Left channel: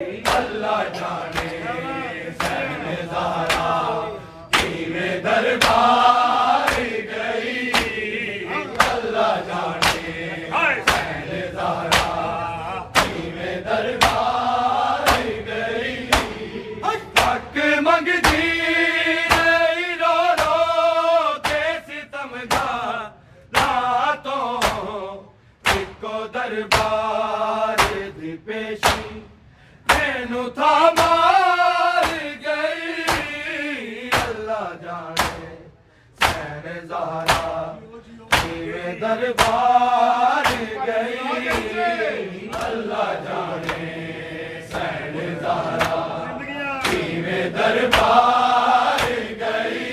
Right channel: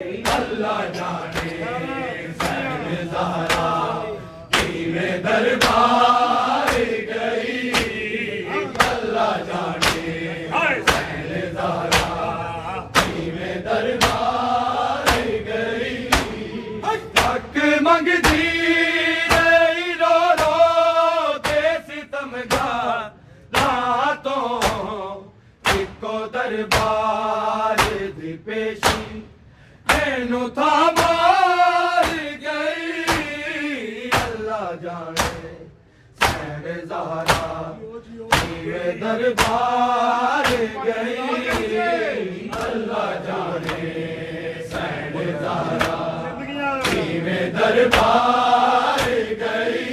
अल्लाह जाने सैन ज़हरा में दरबार गई। अल्लाह जाने सैन ज़हरा में दरबार गई। हक मंगती रही रो रो के सितमगार रातों इको दरबार दी पेशी मैनू था मार गई। अल्लाह जाने सैन ज़हरा मेरे दरबार गई। अल्लाह जाने सैन ज़हरा मेरे दरबार गई।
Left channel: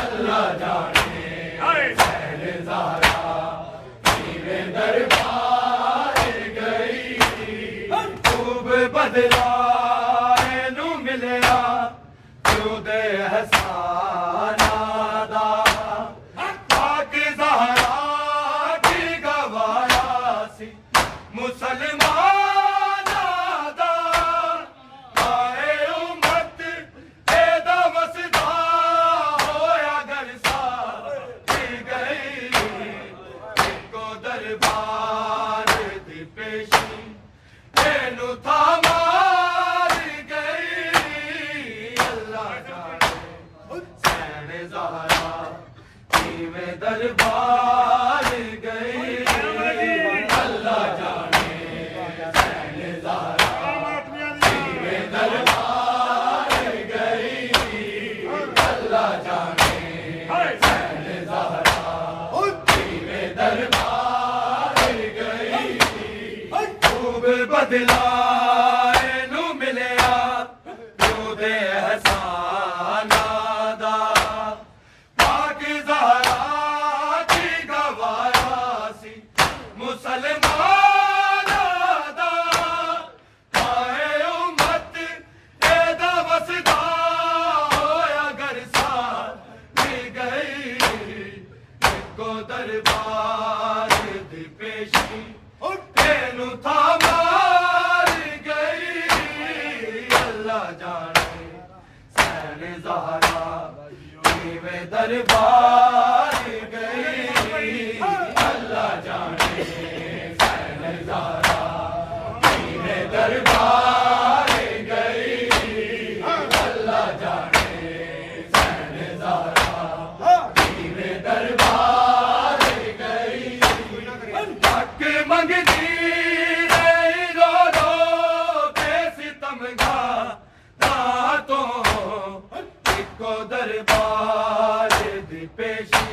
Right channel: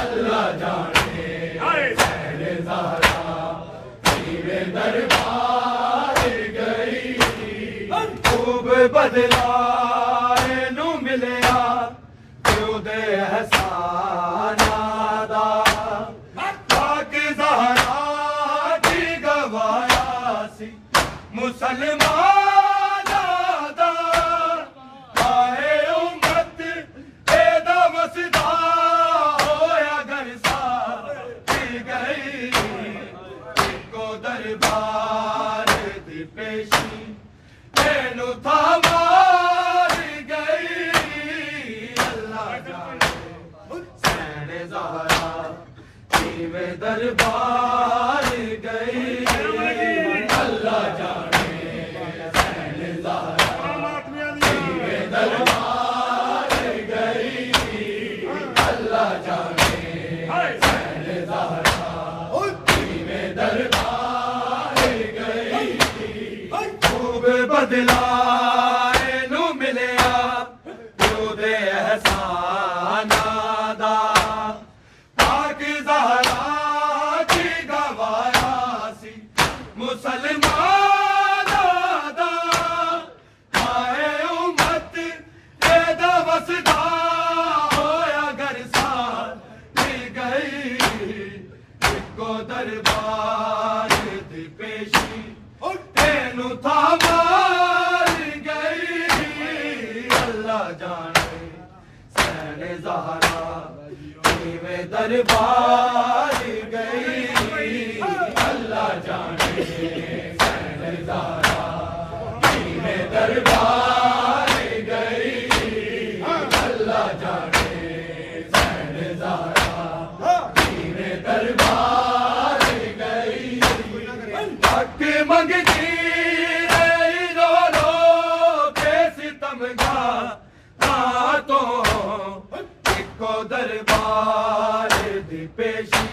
अल्लाह जाने सैन ज़हरा मेरे दरबार गई। खूब बदला नू मिलया क्यों दे हसाना दा। पाक ज़हरा की गवाया सी मुसलमान दा। आए उम्मत एदा मसदा होया गरसा की गई। इको दरबार दी पेशी मैनू था मार गई। अल्लाह जाने सैन ज़हरा में दरबार गई। अल्लाह जाने सैन ज़हरा में दरबार गई। अल्लाह जाने सैन ज़हरा में दरबार गई। खूब बदला नू मिलया क्यों दे एहसाना दा। पाक ज़हरा की गवाया सी मुसलमान दा। आए उम्मत एदा वसदा होया गरसा की गई। इको दरबार दी पेशी मैनू था मार गई। अल्लाह जाने सैन ज़हरा में दरबार गई। अल्लाह जाने सैन ज़हरा में दरबार गई। अल्लाह जाने सैन ज़हरा में दरबार गई। हक मंगती रही रो रो के सितमगार रातों इको दरबार दी पेशी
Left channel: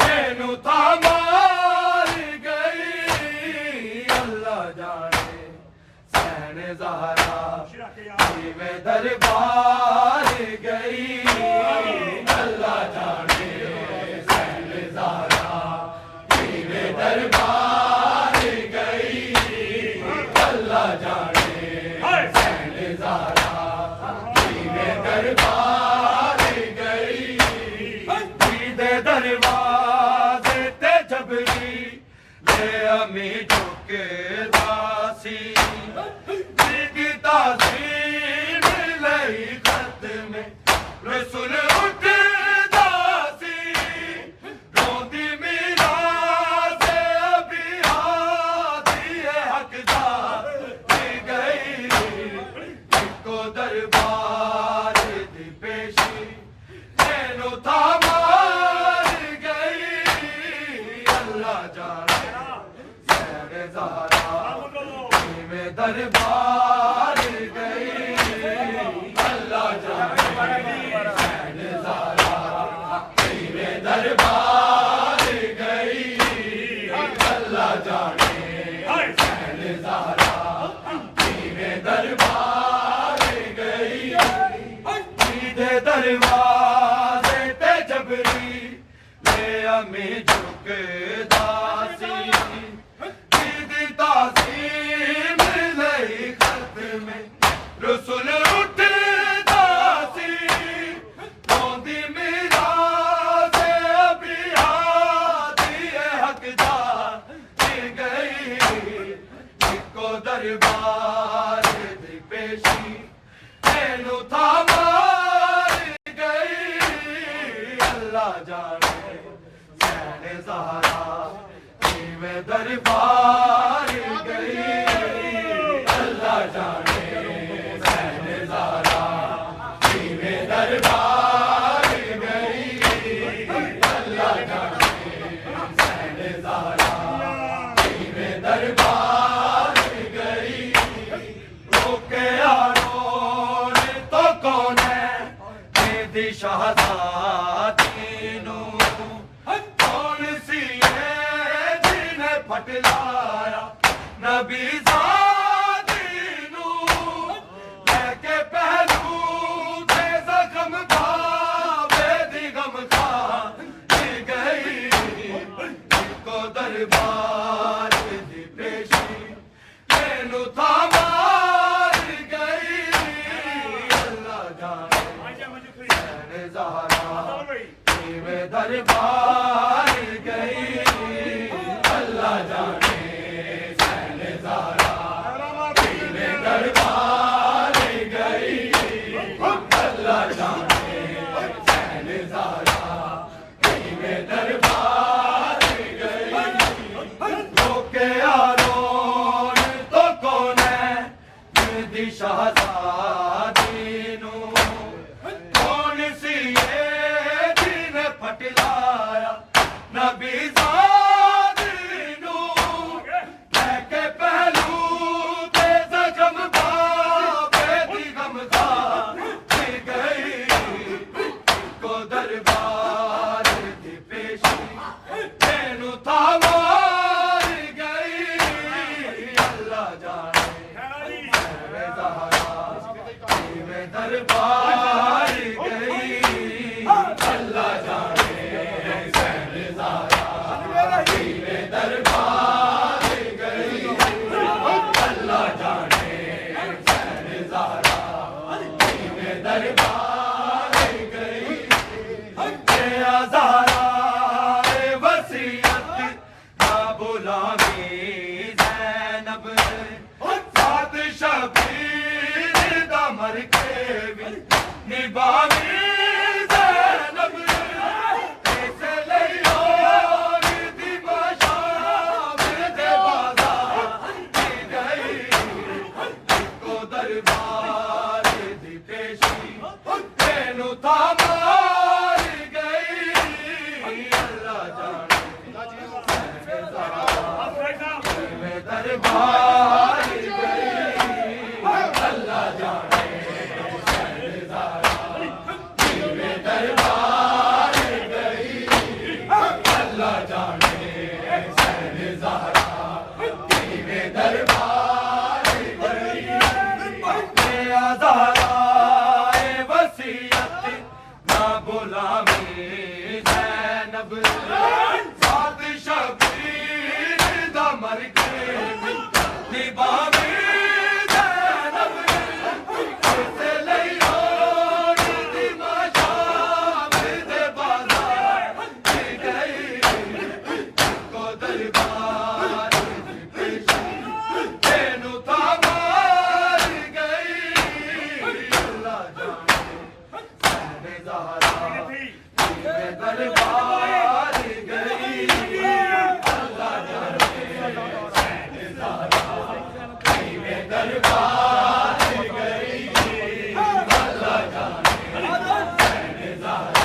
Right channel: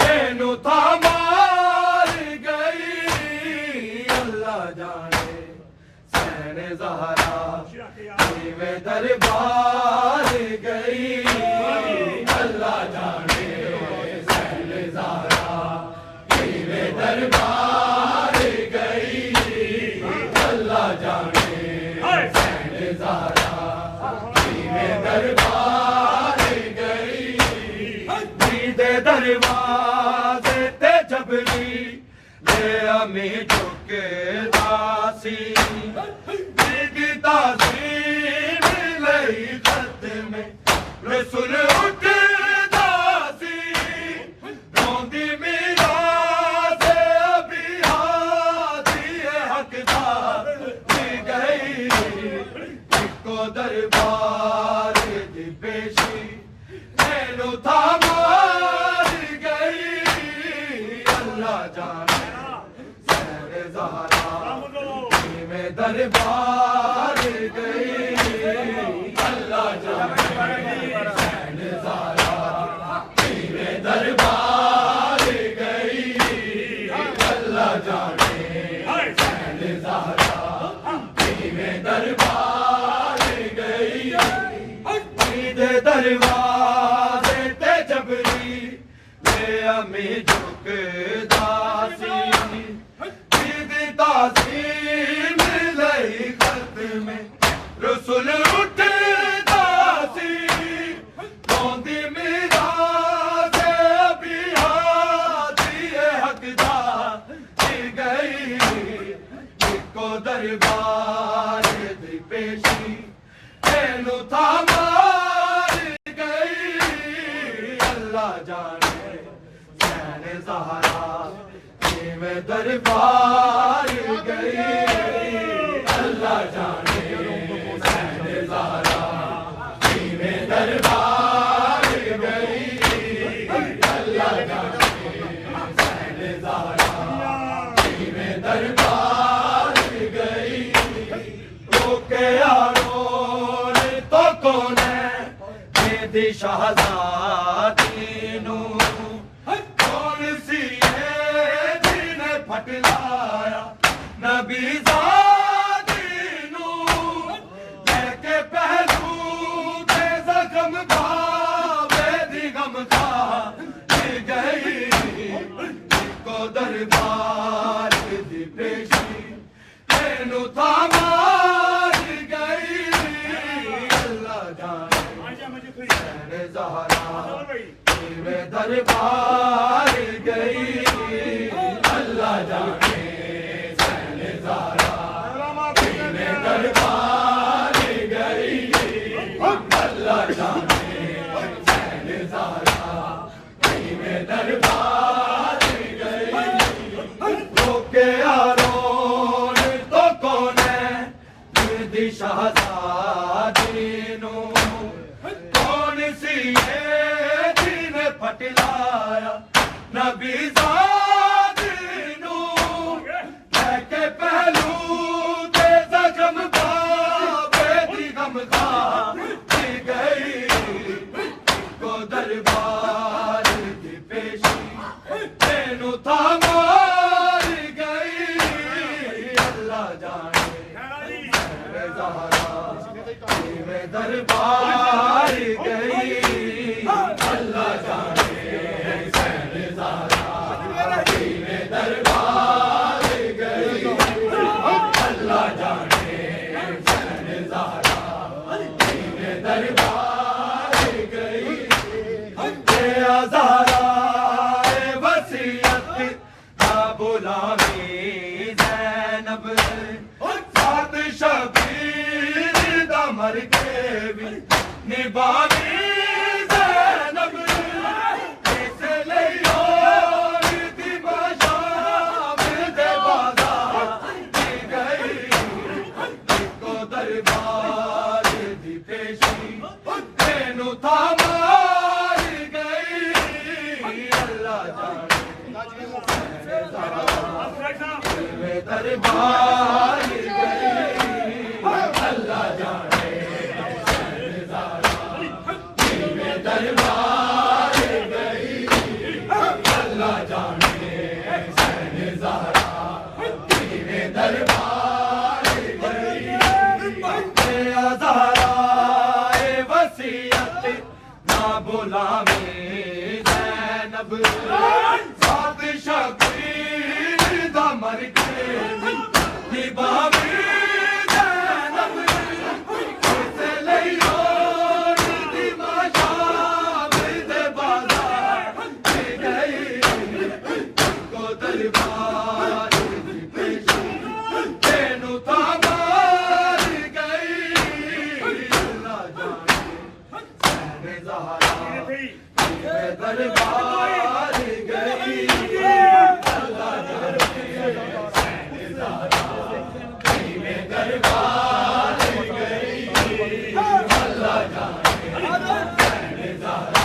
मैनू था मार गई। अल्लाह जाने सैन ज़हरा में दरबार गई। अल्लाह जाने सैन ज़हरा में दरबार गई। अल्लाह जाने सैन ज़हरा में दरबार गई। दीदे दरवाज़े ते जबरी ले अमी झुकदासी। दिखता सी मिलई खत में रसूल उठदा सी। रोंदी मीरा से अभी हाथी हकदार दी गई। इको दरबार दी पेशी मैनू था मार गई। अल्लाह जाने सैन ज़हरा में दरबार गई। अल्लाह जाने सैन ज़हरा में दरबार गई। अल्लाह जाने सैन ज़हरा में दरबार गई। दीदे दरवाज़े ते जबरी ले अमी झुकदा सी। दिखता सी मिलई खत में रसूल उठदा सी। रोंदी मीरा से अभी हाथी हकदार दी गई। इको दरबार पेशी तेनू था मार गई अल्लाह जाने सैने ज़हरा में दरबार गई अल्लाह जाने सैने ज़हरा में दरबार गई अल्लाह जाने सैने ज़हरा में दरबार गई रोके यारो ने तो कौन है मेरी शहज़ादी नू कौन सी है जिन्हें फटलाया नबी ज़ादी नू लेके पहलू के ज़ख्म भावे दी गम खा गई को दरबार दी पेशी तेनू था मार गई अल्लाह जाने सैने ज़हरा में दरबार गई अल्लाह जाने सैने ज़हरा में दरबार गई अल्लाह जाने सैने ज़हरा में दरबार गई रोके यारो ने तो कौन है मेरी शहज़ादी नू कौन सी है जिन्हें फटलाया नबी ज़ादी नू लेके पहलू के ज़ख्म भावे दी गम खा गई को दरबार दी पेशी तेनू था मार गई अल्लाह जाने सैने ज़हरा में दरबार गई अल्लाह जाने सैने ज़हरा में दरबार गई अल्लाह जाने सैने ज़हरा में दरबार गई ज़हरा वसीयत ना बुलावी ज़ैनब साथ शबीर दा मर के भी निभावी ज़ैनब इसे लियो दी बाशाम दे बाज़ार दी गई को दरबार दी पेशी तेनू था मार गई अल्लाह जाने सैने ज़हरा में दरबार गई अल्लाह जाने सैने ज़हरा में दरबार गई अल्लाह जाने सैने ज़हरा में दरबार गई ज़हरा वसीयत ना बुलावे ज़ैनब साथ शबीर दा मर के निभावे ज़ैनब इसे लियो दी बाशाम दे बाज़ार गई को दरबार दी पेशी तेनू था मार गई अल्लाह जाने सैने ज़हरा में दरबार गई अल्लाह जाने सैने ज़हरा में दरबार गई अल्लाह जाने सैने ज़हरा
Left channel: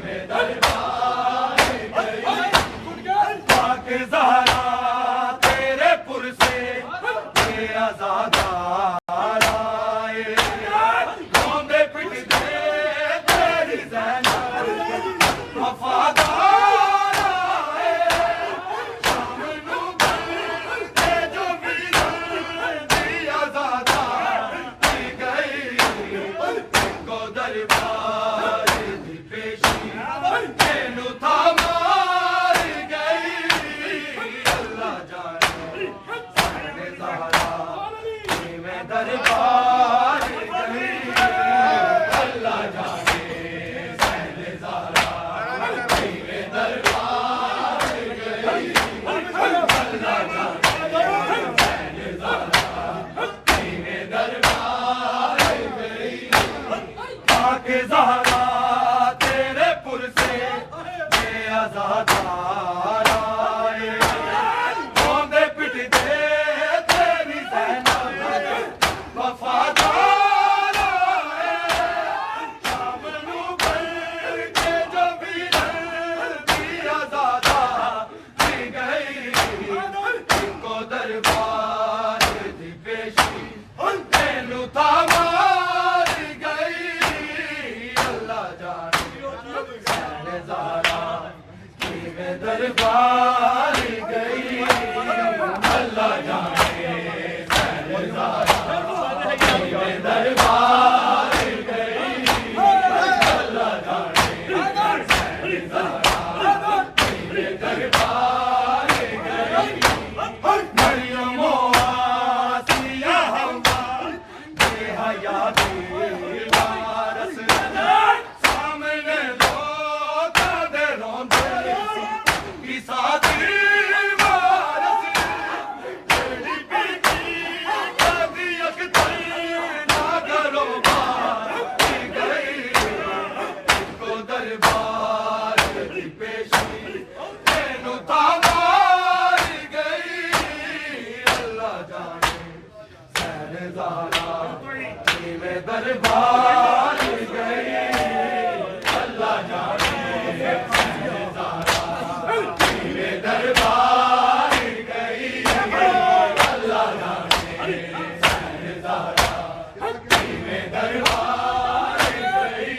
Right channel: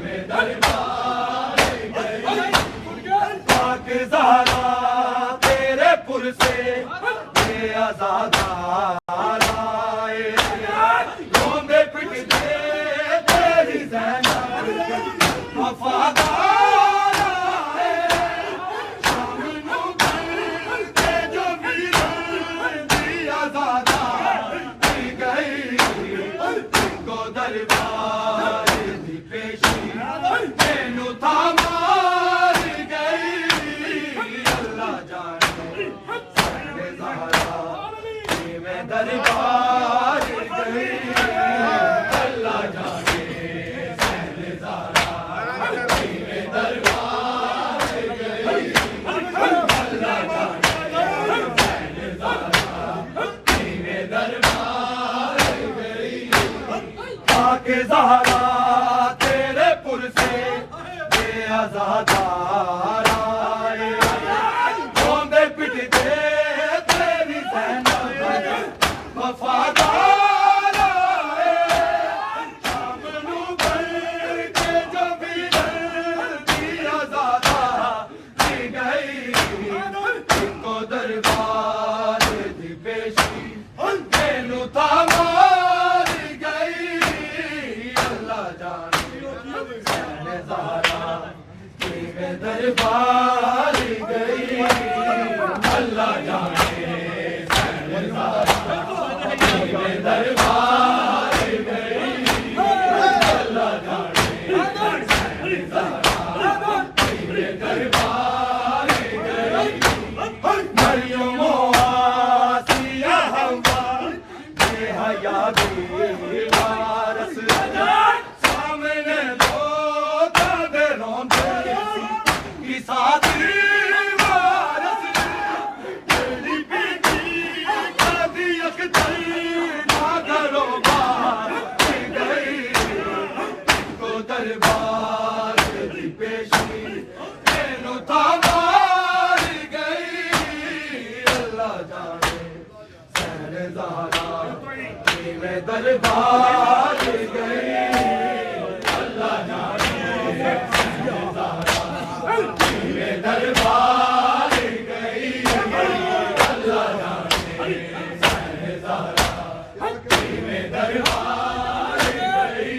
में दरबार गई पाक ज़हरा तेरे पुर से ये आज़ादार आए रोंदे पिटदे तेरी ज़ैनब वफ़ादार आए शाम नू बनके जो वीरान दी आज़ादार दी गई को दरबार दी पेशी तेनू था मार गई अल्लाह जाने सैने ज़हरा में दरबार गई अल्लाह जाने सैने ज़हरा में दरबार गई अल्लाह जाने सैने ज़हरा में दरबार ज़हरा तेरे पुर से बेअज़ादार आए, रोंदे पिटदे तेरी ज़ैनब वफ़ादार आए, शाम नू बन के जो वीरन दी आज़ादा दी गई, इनको दरबार दी पेशी तेनू तामारी गई। अल्लाह जाने सैने ज़हरा किवें दरबारी गई, अल्लाह जाने सैने ज़हरा किवें दरबारी गई, अल्लाह जाने सैने ज़हरा किवें दरबारी गई। मरियम आसिया हव्वा बेहया वारस, सामने लोग दे रोंदे ईसा दी वारस, तेरी बेटी कदी अख्तर ना करो बाकी गई, इनको दरबार दी पेशी तेनू तामारी गई। अल्लाह जाने सैने ज़हरा किवें दरबार गई, अल्लाह जाने सैने ज़हरा किवें दरबार गई, अल्लाह जाने सैने ज़हरा किवें दरबार गई।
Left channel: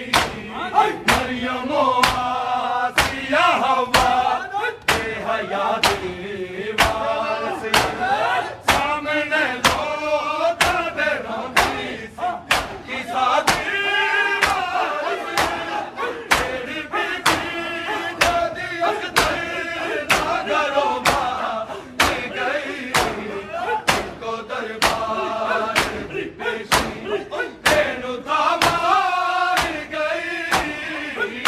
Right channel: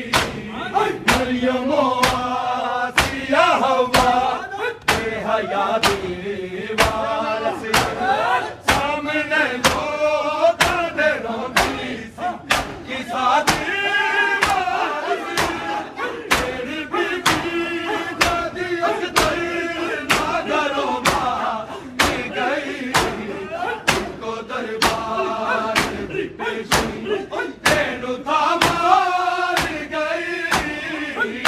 मरियम आसिया हव्वा बेहया वारस, सामने लोग दे रोंदी ईसा दी वारस, तेरी बेटी कदी अख्तर ना करो बाकी गई, इनको दरबार दी पेशी तेनू तामारी गई।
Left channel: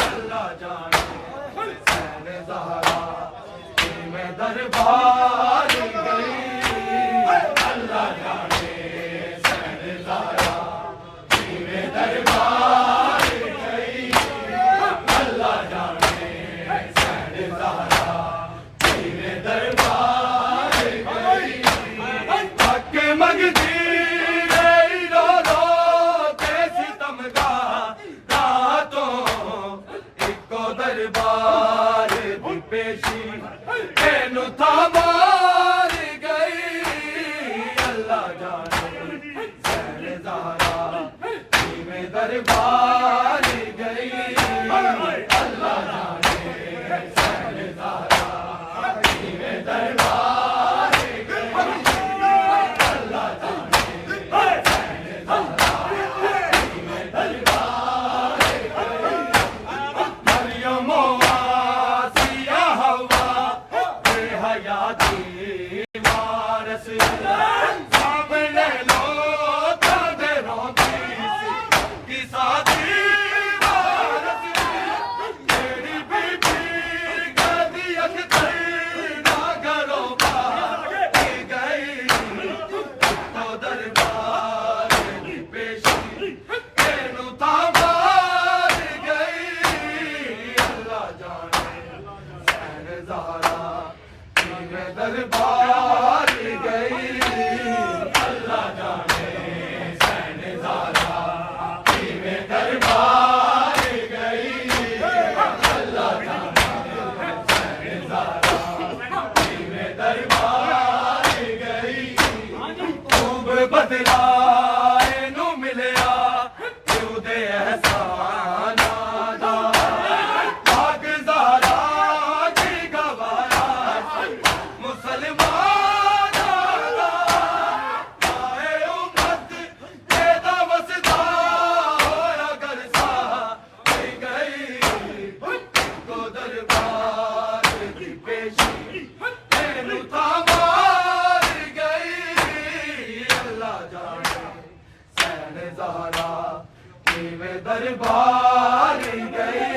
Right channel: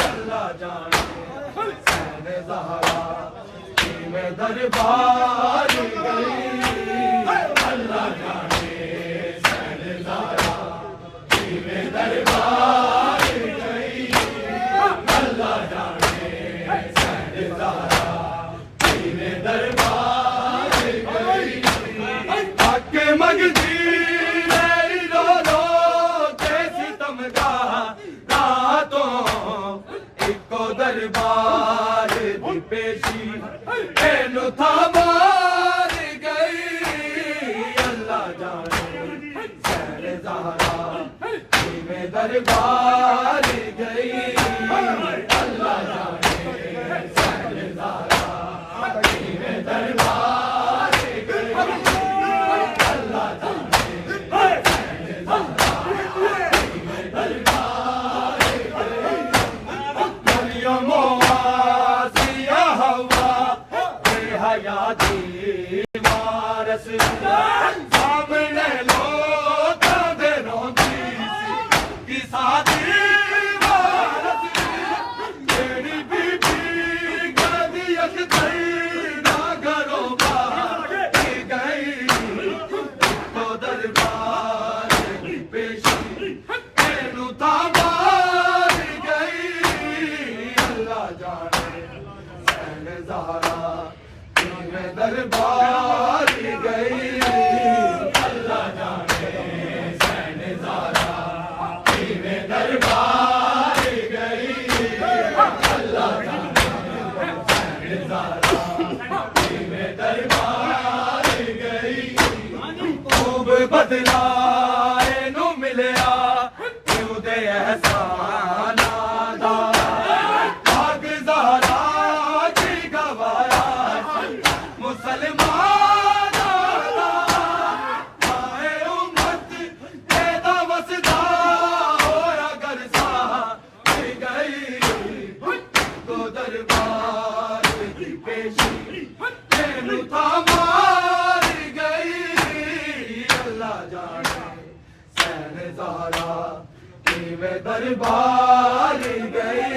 अल्लाह जाने सैने ज़हरा किवें दरबार गई, अल्लाह जाने सैने ज़हरा किवें दरबार गई, अल्लाह जाने सैने ज़हरा किवें दरबार गई। हक मंगदी मेरी रो रो के सितमगाह तो इको दरबार दी पेशी तेनू तामारी गई। अल्लाह जाने सैने ज़हरा किवें दरबार गई, अल्लाह जाने सैने ज़हरा किवें दरबार गई, अल्लाह जाने सैने ज़हरा किवें दरबार गई। मरियम आसिया हव्वा बेहया वारस, सामने लोग दे रोंदी ईसा दी वारस, तेरी बेटी कदी अख्तर ना करो बाकी गई, इनको दरबार दी पेशी तेनू तामारी गई। अल्लाह जाने सैने ज़हरा किवें दरबार गई, अल्लाह जाने सैने ज़हरा किवें दरबार गई, अल्लाह जाने सैने ज़हरा किवें दरबार गई। खूब बदला एनू मिलिया क्यों दे एहसानां दा, भाग ज़हरा की गवाया मुसलमानां दा, आए उम्मत तेदा वसदा होया गरसा गई, को दरबार दी पेशी तेनू तामारी गई। अल्लाह जाने सैने ज़हरा किवें दरबार गई।